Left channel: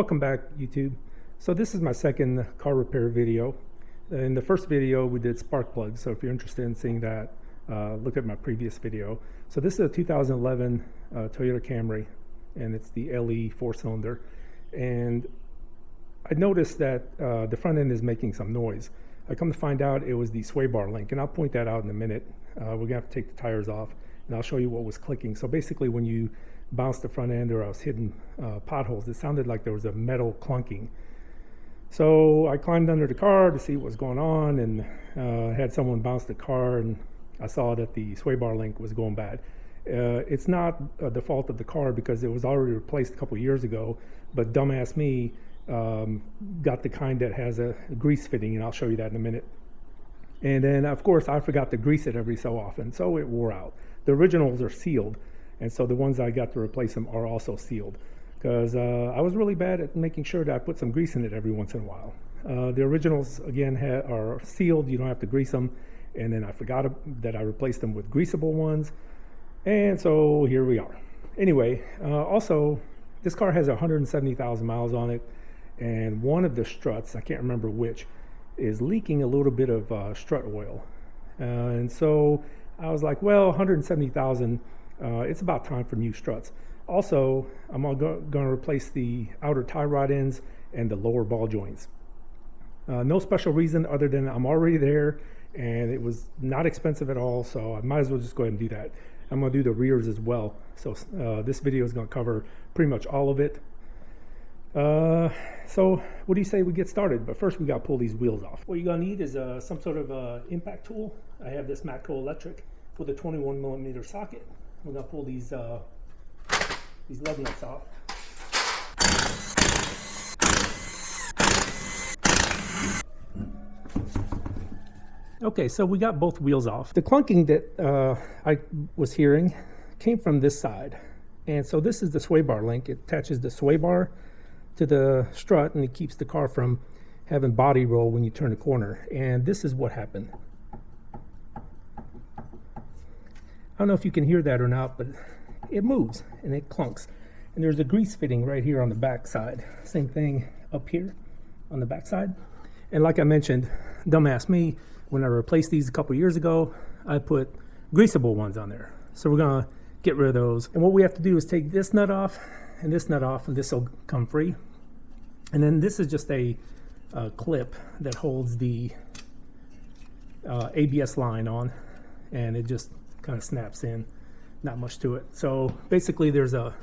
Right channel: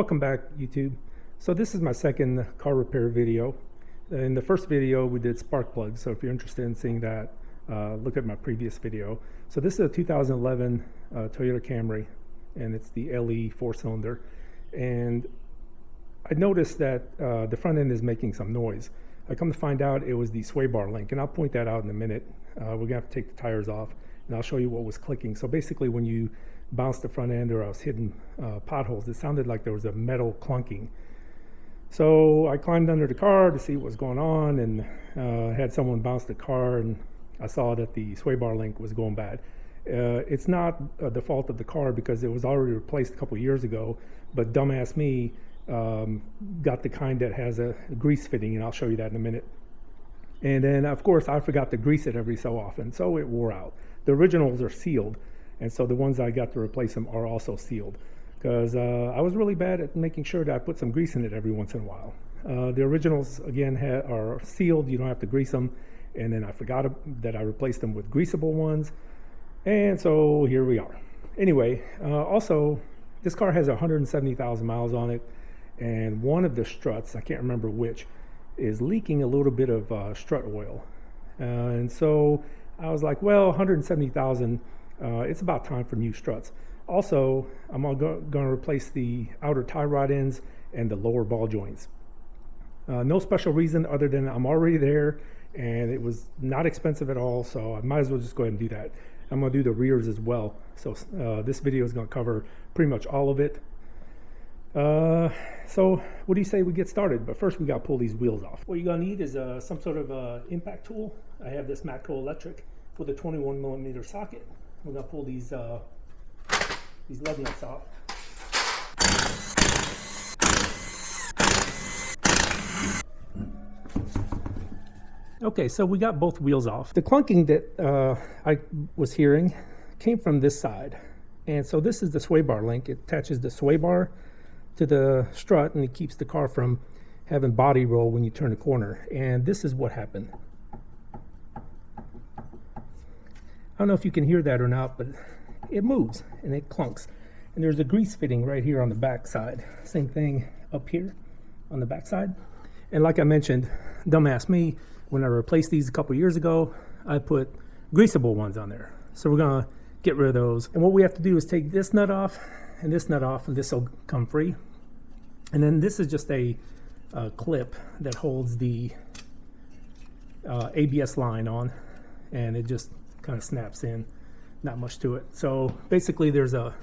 Welcome back, YouTube. So this is my second car repair video. In the first video we did spark plugs, so if you're interested in seeing that, look at my previous video. So this is a 2011 Toyota Camry, and it's the LE 4-cylinder. And I noticed that the front end is making some noise. I come to find out it was the sway bar link, and I'll point that out in a minute. We're gonna have to take the tires off, and I'll show you what was clicking. So basically, when you bounced the front end or I was hitting potholes, it sounded like there was a metal clunking. So I climbed under the car to see what was going on, and had someone bounce the car, and I saw that the sway bar link was going bad. It's not the fault of the car because it was already replaced a couple of years ago, but dumbass me got the kind that has a grease fitting, and I'll show you that in a minute. And then of course I forgot to grease it every so often, so it wore out. The originals are sealed, and so the ones I got to replace them are also sealed, because I was really bad at making sure that I put some grease in it every once in a while. The originals again are sealed, you don't have to grease them, and then I forgot that I replaced them with greasable ones, and so here we are. Anyway, also this car has 170,000 miles on it, and one of the struts, I can't remember which, is leaking a little bit of strut oil. And so I was like, well, 170,000, it's about time for new struts. Also, I'm going to replace the outer tie rod ends and the lower ball joints. No special reason other than I'm already there, and it was not expensive at all, so I might as well just go ahead and do that. I'm going to do the rears as well. So this video is going to cover pretty much all of it. So what do you say we get started? But first we got to pull these wheels off. What you're going to need is some sort of impact tool. I have this Matco electric with a 21mm socket. We're going to pull these lug nuts off. Okay, so we got both wheels off. The clunking that I was hearing came from this side. And so this is the sway bar link. It attaches the sway bar to the strut, and it keeps the car from having body roll when you turn the corner. And this is what happened. I don't know if you can hear that or not, but it moves and it clunks. There's a grease fitting right here on the back side. Same thing up here on the back side. And like I mentioned, dumbass me, when I replaced these a couple years ago, I put greasable ones on there. So we're gonna get rid of those. And what we have to do is take this nut off and this nut off, and this will come free. And then this is just a clip that holds the ABS line on, and it just kind of snaps in. Not much to it. So basically there's a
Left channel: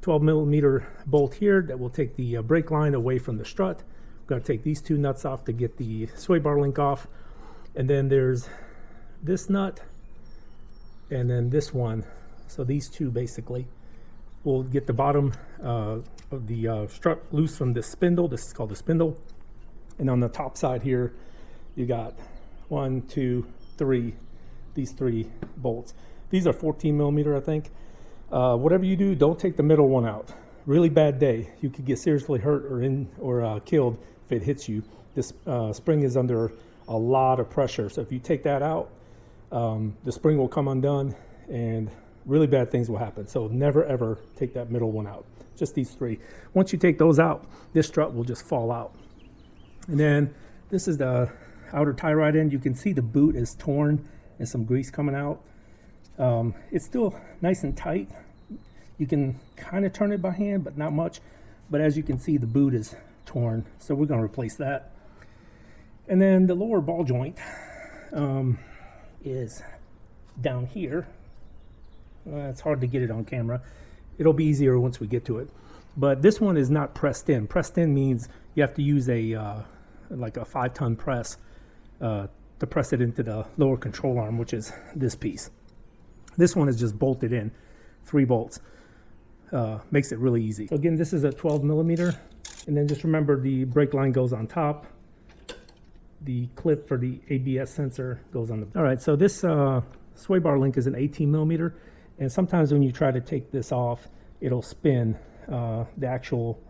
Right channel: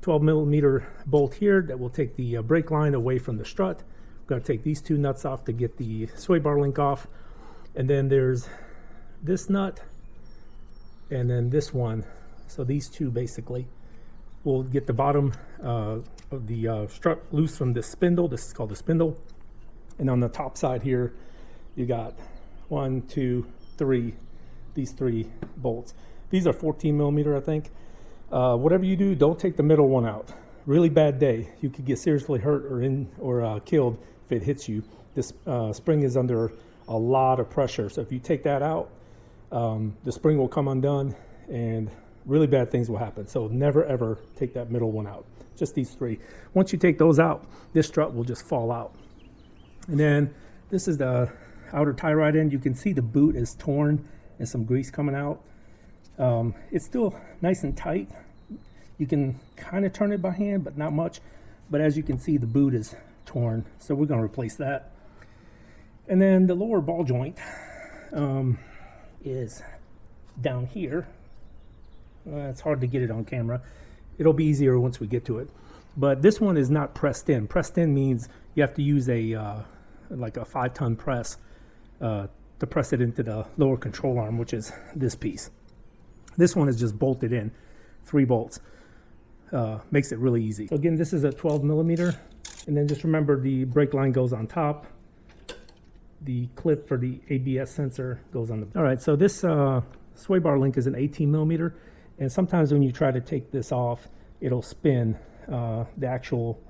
12mm bolt here that will take the brake line away from the strut. I'm going to take these two nuts off to get the sway bar link off. And then there's this nut and then this one. So these two basically will get the bottom of the strut loose from the spindle. This is called the spindle. And on the top side here, you got 1, 2, 3, these 3 bolts. These are 14mm, I think. Whatever you do, don't take the middle one out. Really bad day. You could get seriously hurt or killed if it hits you. This spring is under a lot of pressure, so if you take that out, the spring will come undone, and really bad things will happen. So never ever take that middle one out. Just these 3. Once you take those out, this strut will just fall out. And then this is the outer tie rod end. You can see the boot is torn and some grease coming out. It's still nice and tight. You can kind of turn it by hand, but not much. But as you can see, the boot is torn, so we're going to replace that. And then the lower ball joint is down here, and it's hard to get it on camera. It'll be easier once we get to it. But this one is not pressed in. Pressed in means you have to use a like a 5-ton press to press it into the lower control arm, which is this piece. This one is just bolted in, 3 bolts. Makes it really easy. So again, this is a 12mm, and then just remember the brake line goes on top. The clip for the ABS sensor goes on the back. All right, so this sway bar link is an 18mm, and sometimes when you try to take this off, it'll spin the actual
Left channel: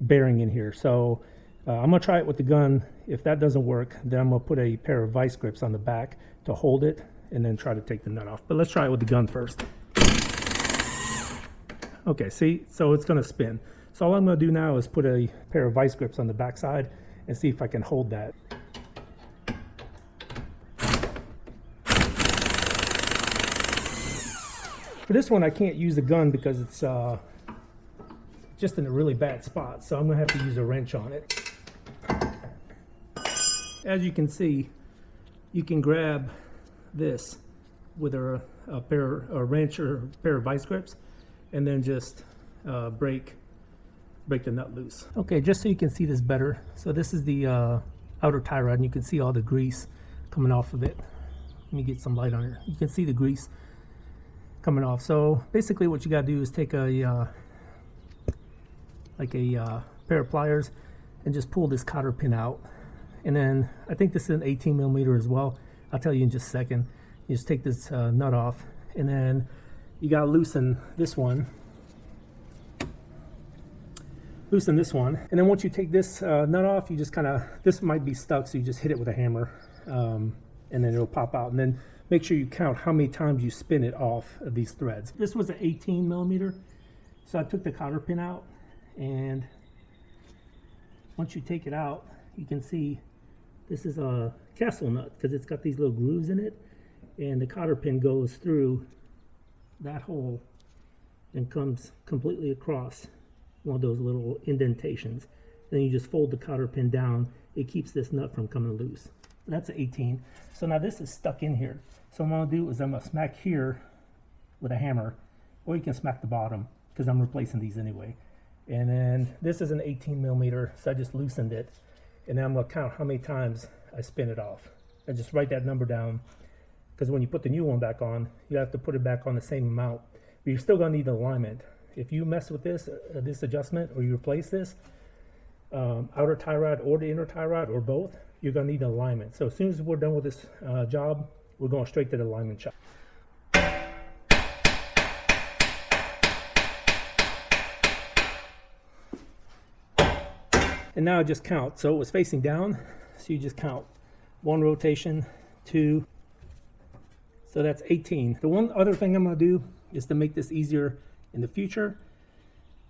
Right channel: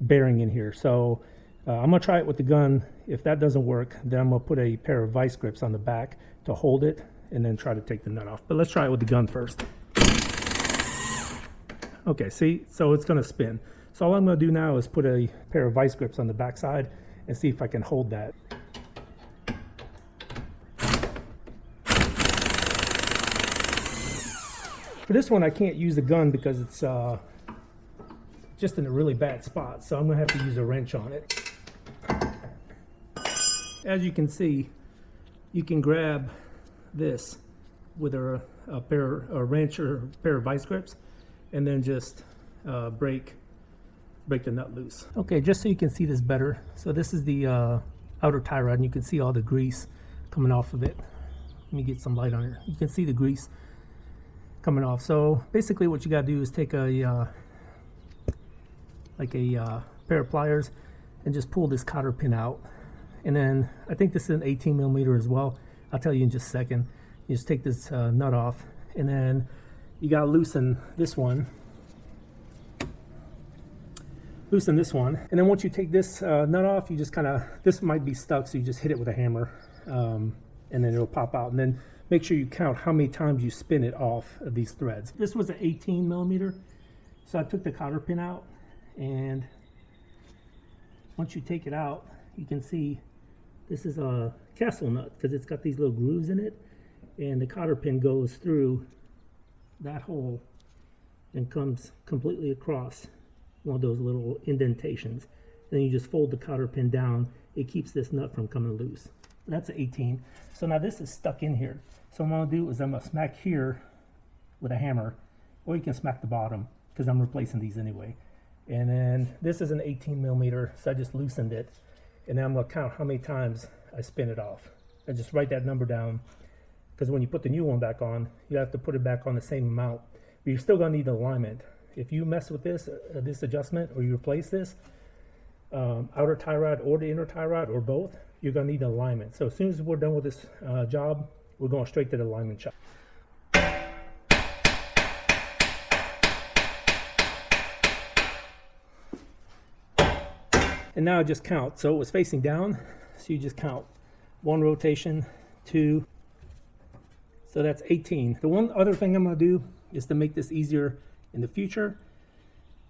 bearing in here. So I'm gonna try it with the gun. If that doesn't work, then I'm gonna put a pair of vice grips on the back to hold it, and then try to take the nut off. But let's try it with the gun first. Okay, see, so it's gonna spin. So all I'm going to do now is put a pair of vice grips on the back side and see if I can hold that. For this one, I can't use the gun because it's just in a really bad spot, so I'm going to have to use a wrench on it. As you can see, you can grab this with a wrench or a pair of vice grips, and then just break the nut loose. Okay, just so you can see this better, so this is the outer tie rod, and you can see all the grease coming off of it. Let me get some light on it. You can see the grease coming off. So basically what you got to do is take a pair of pliers and just pull this cotter pin out. And then I think this is an 18 millimeter as well. I'll tell you in just a second. You just take this nut off, and then you got to loosen this one. And then once you take this nut off, you just kind of, this might be stuck, so you just hit it with a hammer, and then it'll pop out. And then make sure you count how many times you spin it off of these threads. This was an 18 millimeter, so I took the cotter pin out, and once you take it out, you can see this is a castle nut because it's got these little grooves in it, and the cotter pin goes through that hole and comes completely across all those little indentations. Then you just fold the cotter pin down. It keeps this nut from coming loose. So that's an 18. So now this is stuck in here. So what I'm going to do is I'm going to smack here with a hammer, or you can smack the bottom because I'm replacing these anyway. And then this is an 18 millimeter, so I just loosened it. And now I'm going to count how many times I spin it off. I just write that number down because when you put the new one back on, you have to put it back on the same amount. But you're still going to need alignment. If you mess with this adjustment, or you replace this, outer tie rod or the inner tie rod or both, you're going to need alignment. So as soon as we're done with this job, we're going straight to the alignment shop. And now I just count. So it was facing down, so you just count 1 rotation, 2, so that's 18. The one other thing I'm going to do is to make this easier in the future,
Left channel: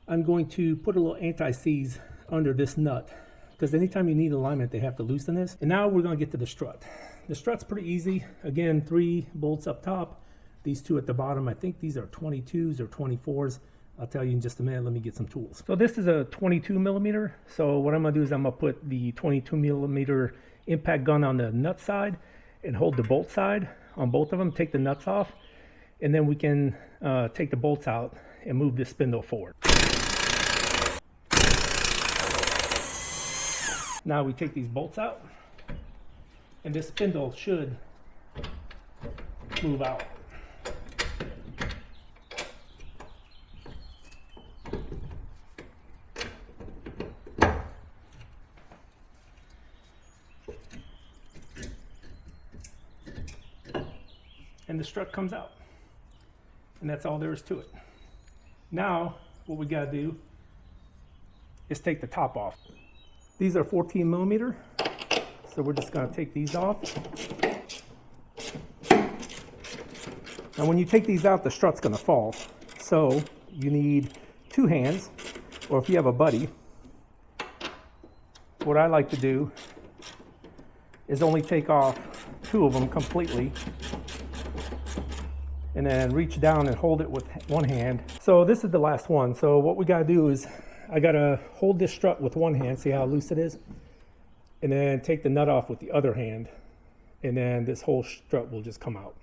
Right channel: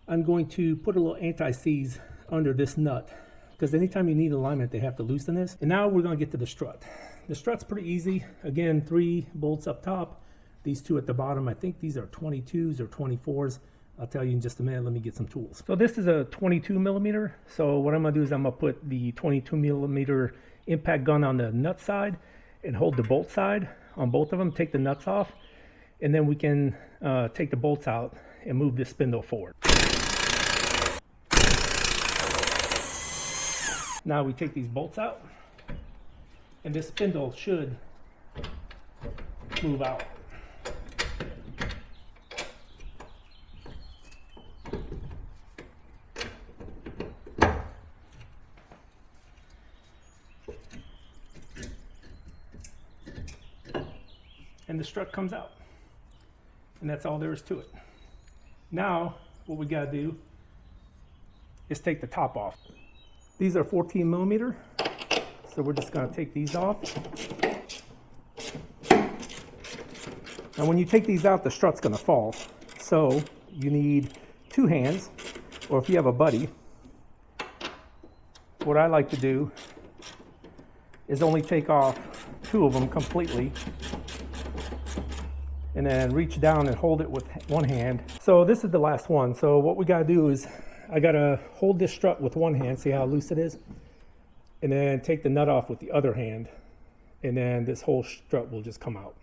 I'm going to put a little anti-seize under this nut, because anytime you need alignment, they have to loosen this. And now we're going to get to the strut. The strut's pretty easy. Again, 3 bolts up top, these 2 at the bottom. I think these are 22s or 24s. I'll tell you in just a minute. Let me get some tools. So this is a 22 millimeter. So what I'm going to do is I'm going to put the 22 millimeter impact gun on the nut side and hold the bolt side on both of them, take the nuts off, and then we can take the bolts out and move this spindle forward. Now we take these bolts out, and this spindle should move out. And the strut comes out. And that's all there is to it. Now, what we gotta do is take the top off. These are 14 millimeter, so we're just gonna take these off. Now when you take these out, the strut's gonna fall. So you need 2 hands, or if you have a buddy, what I like to do is only take off 2 of them completely, and then reach down and hold it with 1 hand. So this is the last one. So what we gotta do is I gotta hold this strut with 1 hand, see how loose it is, and then take the nut off with the other hand, and then this whole strut will just come out.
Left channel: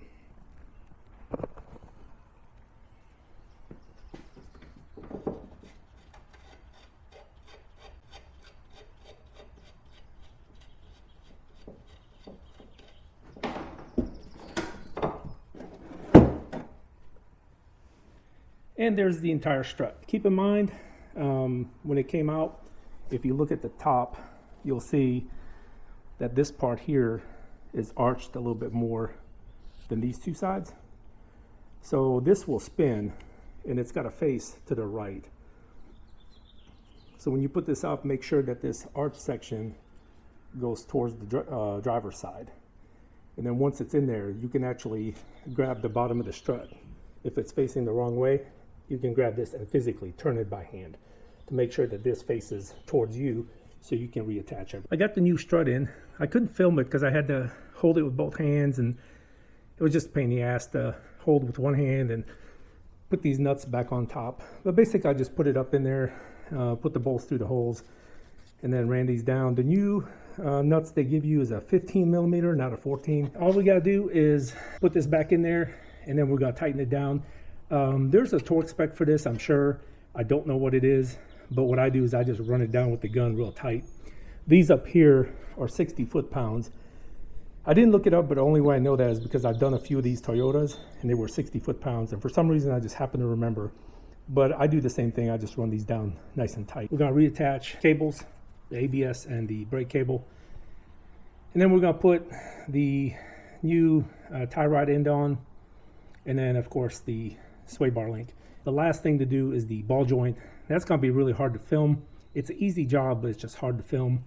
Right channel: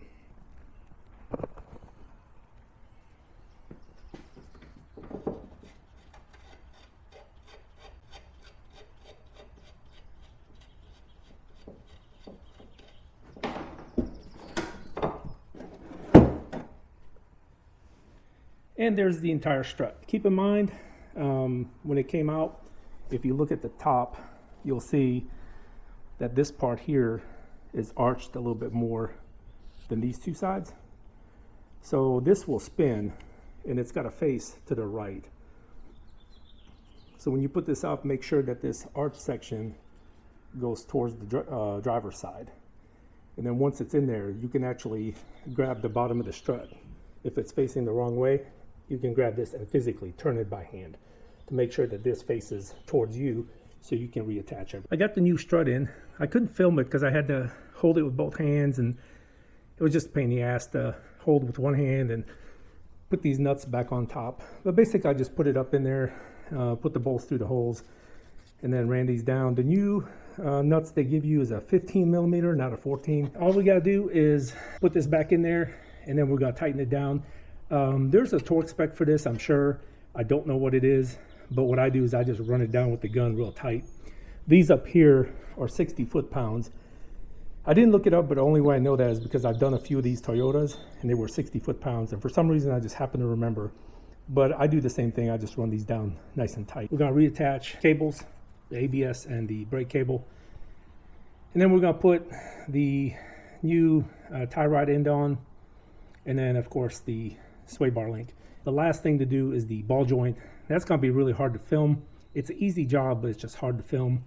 And there's the entire strut. Keep in mind, when it came out, if you look at the top, you'll see that this part here is arched a little bit more than these 2 sides. So this will spin, and it's got to face to the right. So when you put this up, make sure that this arch section goes towards the driver's side. And then once it's in there, you can actually grab the bottom of the strut. If it's facing the wrong way, you can grab this and physically turn it back in. to make sure that this faces towards you so you can reattach it. I got the new strut in. I couldn't film it because I had to hold it with both hands, and it was just a pain in the ass to hold with one hand and put these nuts back on top. But basically I just put it up in there, put the bolts through the holes, and then ran these down. The new nuts they give you is a 15 millimeter, not a 14. All we gotta do is put this back in there, and then we're gonna tighten it down. There's a torque spec for this, I'm sure. I don't know what it is, but what I do is I just run it down with the gun real tight. These up here are 60 foot-pounds. I didn't look it up, but the only way I know that is because I've done a few of these Toyotas and they were 60 foot-pounds, and for some reason I just happen to remember. But I do the same thing, I just run these down nice and tight. We're gonna reattach cables, the ABS and the brake cable. And then we're gonna put the new tie rod end on, and then of course the sway bar link. The last thing to do is the ball joint. That's gonna be really hard to film. It's an easy job, but it's just hard to film.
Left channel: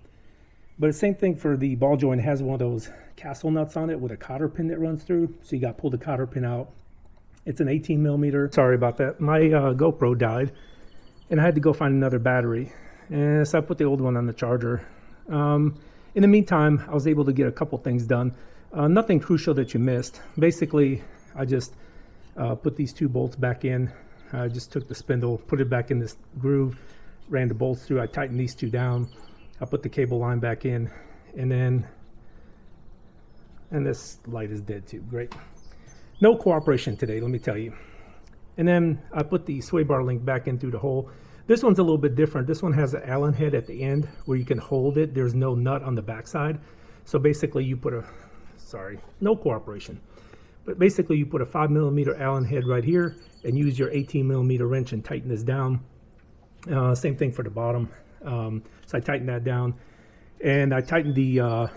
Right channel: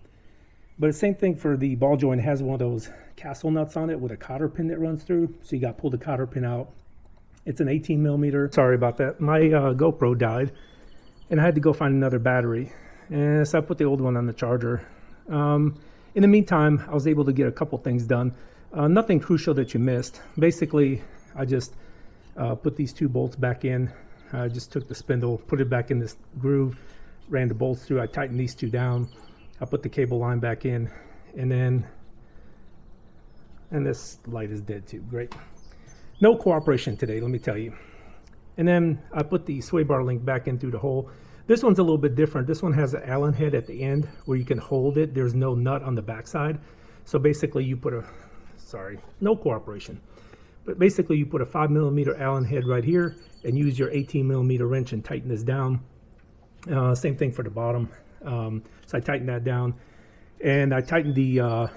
But the same thing for the ball joint. It has one of those castle nuts on it with a cotter pin that runs through. So you got to pull the cotter pin out. It's an 18 millimeter. Sorry about that. My GoPro died and I had to go find another battery. And so I put the old one on the charger. In the meantime, I was able to get a couple things done. Nothing crucial that you missed. Basically, I just put these two bolts back in. I just took the spindle, put it back in this groove, ran the bolts through. I tightened these two down. I put the cable line back in, and this light is dead too. No cooperation today, let me tell you. And then I put the sway bar link back in through the hole. This one's a little bit different. This one has an Allen head at the end where you can hold it. There's no nut on the backside. So basically you put a, no cooperation. But basically you put a 5 millimeter Allen head right here and use your 18 millimeter wrench and tighten this down. Same thing for the bottom. So I tightened that down, and I tightened the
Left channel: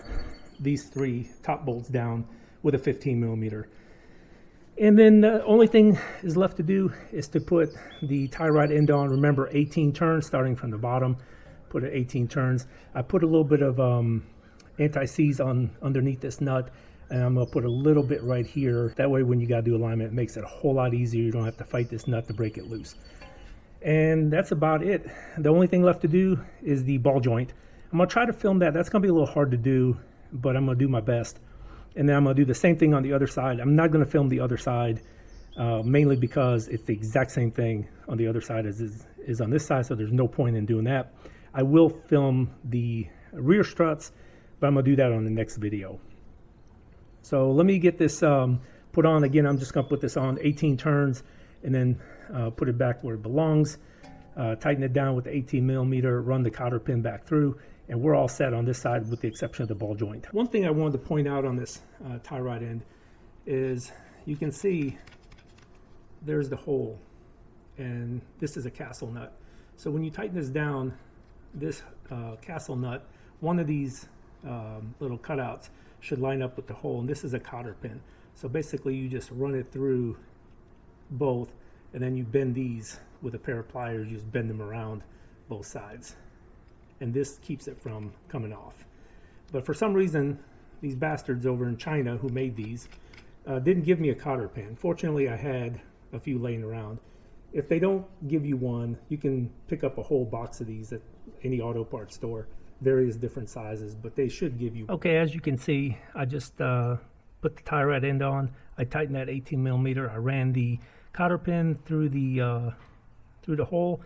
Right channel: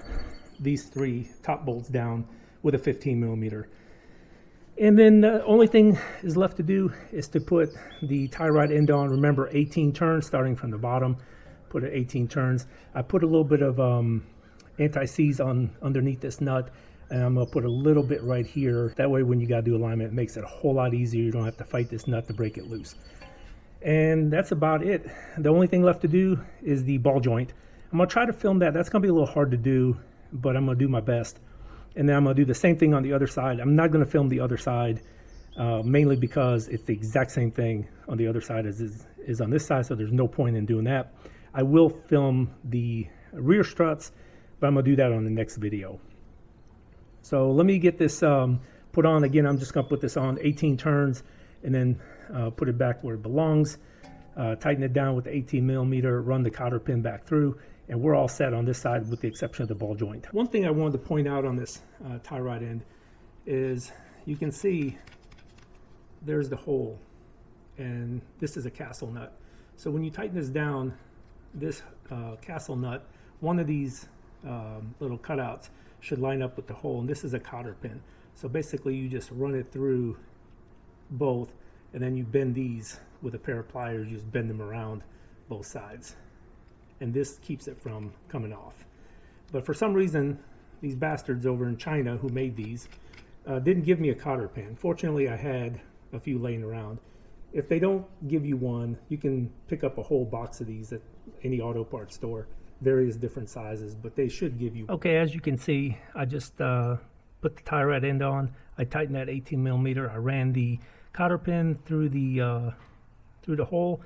these three top bolts down with a 15 millimeter. And then the only thing is left to do is to put the tie rod end on. Remember, 18 turns starting from the bottom. Put it 18 turns. I put a little bit of anti-seize on underneath this nut, and I'm gonna put a little bit right here. That way, when you gotta do alignment, it makes it a whole lot easier. You don't have to fight this nut to break it loose. And that's about it. The only thing left to do is the ball joint. I'm gonna try to film that. That's gonna be a little hard to do, but I'm gonna do my best. And then I'm gonna do the same thing on the other side. I'm not gonna film the other side, mainly because it's the exact same thing on the other side as is on this side, so there's no point in doing that. I will film the rear struts, but I'm gonna do that on the next video. So let me get this put on. Again, I'm just gonna put this on 18 turns, and then put it back where it belongs, tighten it down with the 18 millimeter, run the cotter pin back through, and we're all set on this side with the exception of the ball joint. One thing I wanted to point out on this tie rod end is you can see there's the hole, and this is a castle nut. So when you tighten this down, this castle nut, one of these little cutouts should line up with the hole, and this is a cotter pin. So basically you just run it through both, and then you bend these with a pair of pliers, just bend them around both sides. And this keeps it from coming off. But for some reason, these bastards over in China who made these didn't give me a cotter pin. Fortunately, I had a few laying around. If they don't give you one, you can pick up a whole box of these at any auto parts store. Various different sizes, but they should give you. Okay, as you can see, I just put the tie rod end on. I tightened that 18 millimeter. I ran the cotter pin through the hole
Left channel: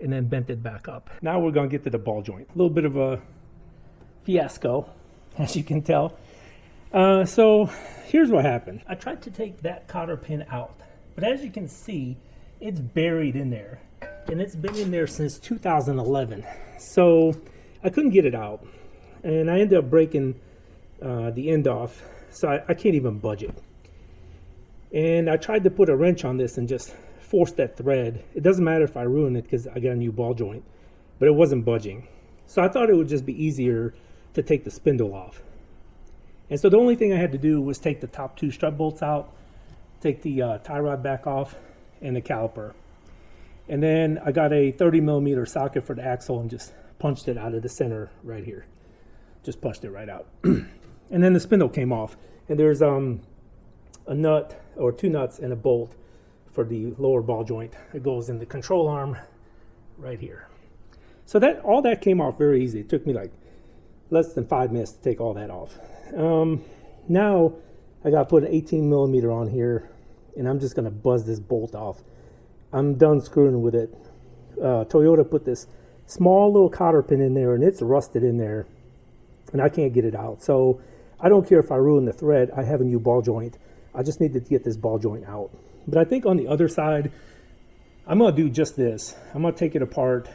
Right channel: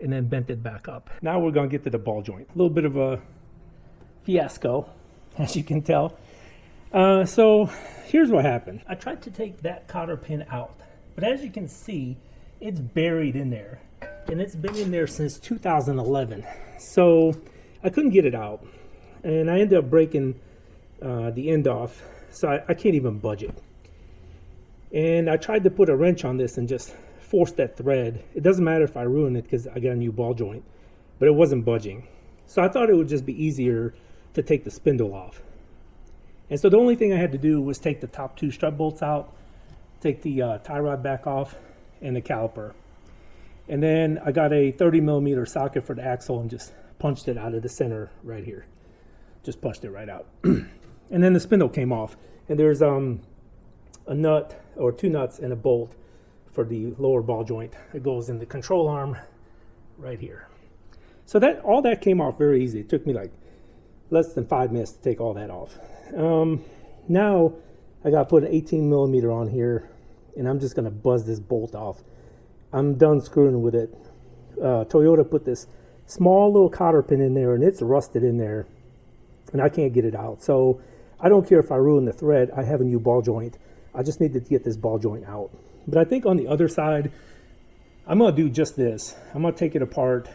and then bent it back up. Now we're going to get to the ball joint. A little bit of a fiasco, as you can tell. So here's what happened. I tried to take that cotter pin out, but as you can see, it's buried in there, and it's been in there since 2011. So I couldn't get it out, and I ended up breaking the end off, so I can't even budge it. And I tried to put a wrench on this and just force that thread. It doesn't matter if I ruin it because I got a new ball joint, but it wasn't budging. So I thought it would just be easier to take the spindle off. And so the only thing I had to do was take the top two strut bolts out, take the tie rod back off, and the caliper. And then I got a 30 millimeter socket for the axle and just punched it out of the center right here. Just punched it right out. And then the spindle came off. And there's a nut or two nuts and a bolt for the lower ball joint. It goes in the control arm right here. So that all that came off very easy. It took me like less than 5 minutes to take all that off. Now I got to put an 18 millimeter on here, and I'm just going to buzz this bolt off. I'm done screwing with it. Toyota put this small little cotter pin in there, and it's rusted in there, and I can't get it out. So I don't care if I ruin the thread. I have a new ball joint. I just need to get this ball joint out. But I think on the other side, I'm going to do just this. I'm going to take it apart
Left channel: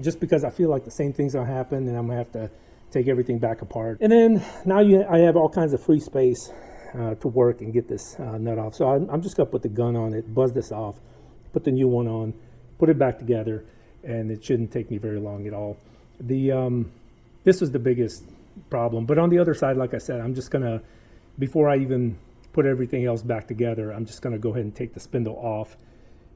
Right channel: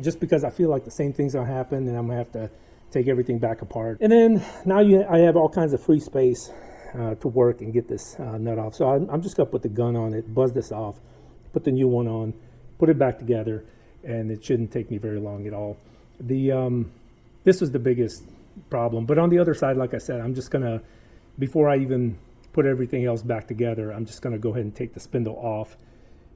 just because I feel like the same things will happen, and I'm going to have to take everything back apart. And then now I have all kinds of free space to work and get this nut off. So I'm just going to put the gun on it, buzz this off, put the new one on, put it back together, and it shouldn't take me very long at all. This was the biggest problem. But on the other side, like I said, I'm just going to, before I even put everything else back together, I'm just going to go ahead and take the spindle off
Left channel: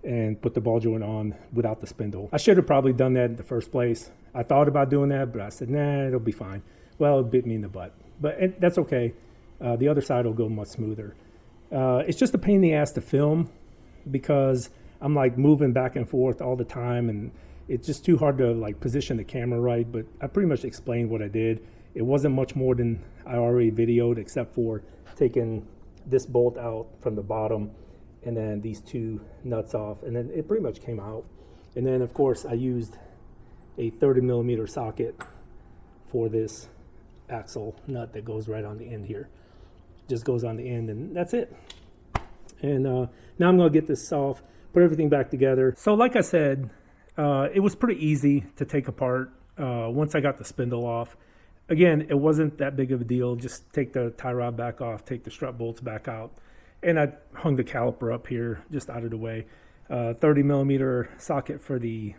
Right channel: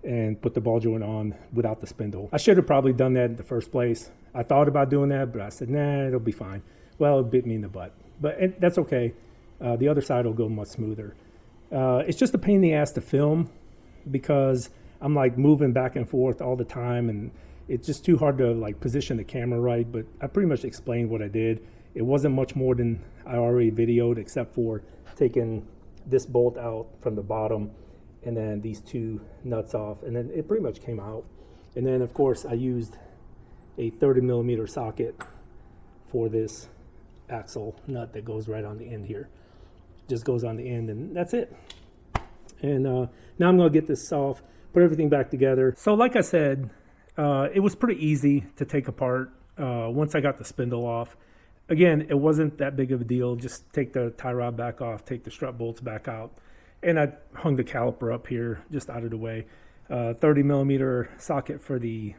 and put the ball joint on without the spindle. I should have probably done that in the first place. I thought about doing that, but I said, nah, it'll be fine. Well, it bit me in the butt, but that's okay. The other side will go much smoother. It's just a pain in the ass to film because I'm like moving back and forth all the time, and it's just too hard to like position the camera right. But I pretty much explained what I did. It wasn't much more than I already videoed, except for taking this bolt out from the bottom and then these two nuts off, and then it pretty much came out. And then of course I used a 30 millimeter socket for this axle nut that goes right on the end here. Just goes on the end, and that's it. And now I'm gonna get this off, put everything back together. So like I said, it was pretty easy to take apart once I got the spindle off. Again, it wasn't that big of a deal. Just take the tie rod back off, take the strut bolts back out, and I hung the caliper up here just out of the way. 30 millimeter socket for the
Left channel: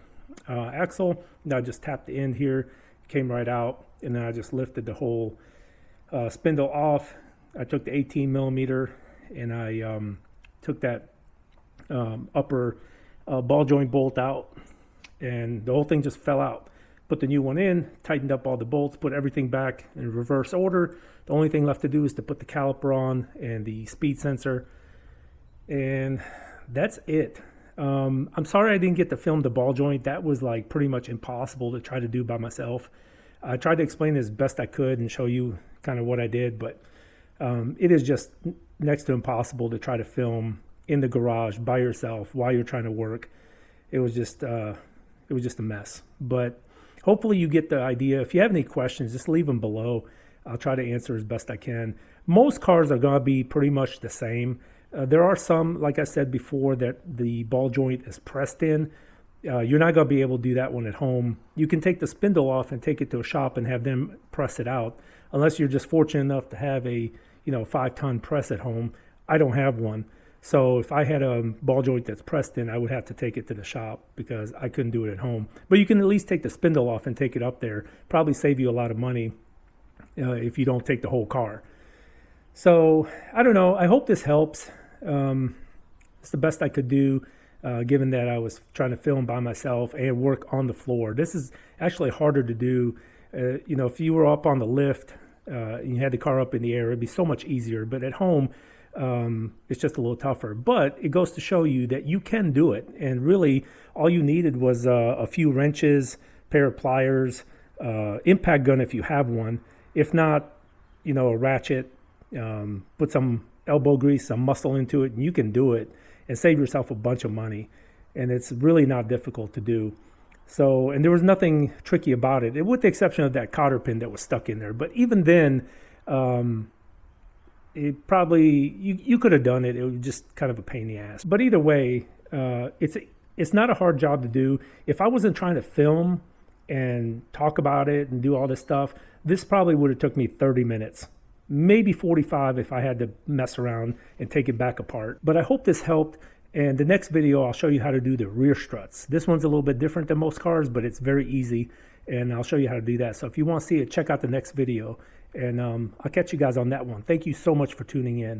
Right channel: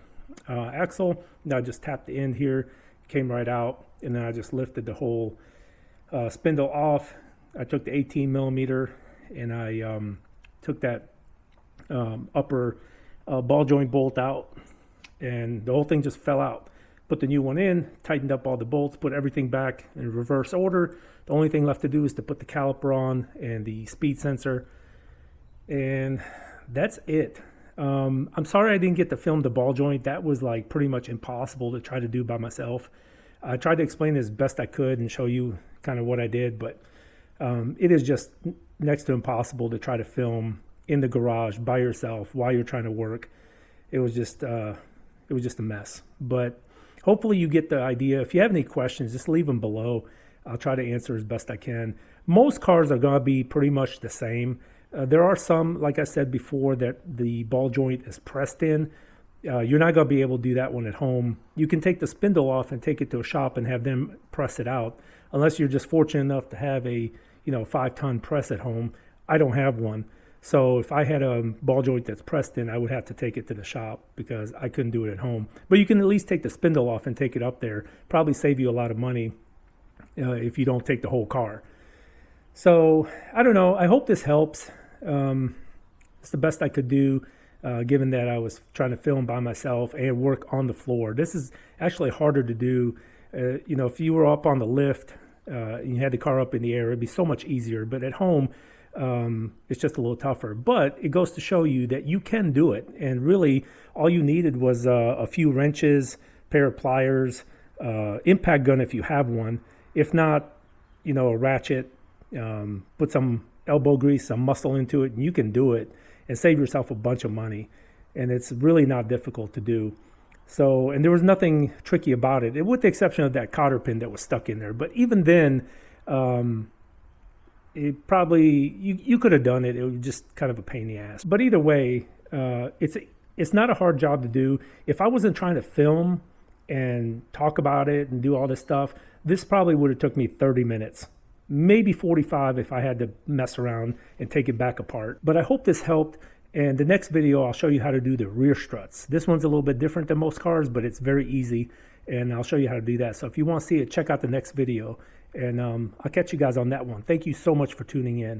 axle. Now I just tapped the end here, came right out, and then I just lifted the whole spindle off. I took the 18 millimeter and I took that upper ball joint bolt out, and the whole thing just fell out. Put the new one in, tightened up all the bolts, put everything back in reverse order. The only thing left to do is to put the caliper on and the speed sensor, and that's it. I'm sorry I didn't get to film the ball joint. That was like pretty much impossible to try to do by myself. I tried to explain it as best I could and show you kind of what I did, but it is just next to impossible to try to film in the garage by yourself while you're trying to work. It was just a mess. But hopefully you get the idea. If you have any questions, just leave them below. I'll try to answer as best I can. Most cars are going to be pretty much the same. There are some, like I said before, that the ball joint is pressed in. You're not going to be able to do that one at home. You can take the spindle off and take it to a shop and have them press it out, unless you're just fortunate enough to have a 5-ton press at home. I don't have one. So if I had a ball joint that's pressed in, I would have to take it to the shop because I couldn't do it at home. But you can at least take the spindle off and take it up there. Probably save you a lot of money if you don't take the whole car. So I don't know. I hope this helps. It's the best I could do, given that I was trying to film by myself and work on the floor. This is actually harder to do. If you were up on the lift and you had the car up in the air, it'd be so much easier. But at home, it's just a little tougher. But it goes to show you that you can do it. And really, all you needed was a few wrenches, pair of pliers, impact gun if you have one. If not, a ratchet, put some elbow grease, some muscle into it, and you can do it and save yourself a bunch of money. And it's really not difficult to do. So, and there was nothing tricky about it, with the exception of that cotter pin that was stuck in there. But even then, it probably, you could have done it. It was just kind of a pain in the ass. But either way, it's not a hard job to do. If I wasn't trying to film and talk about it and do all this stuff, this probably would have took me 30 minutes. Maybe 45 if I had to mess around and take it back apart. But I hope this helped. And the next video, I'll show you how to do the rear struts. This one's a little bit different than most cars, but it's very easy. And I'll show you how to do that. So if you want to see it, check out the next video. And I'll catch you guys on that one. Thank you so much for tuning in.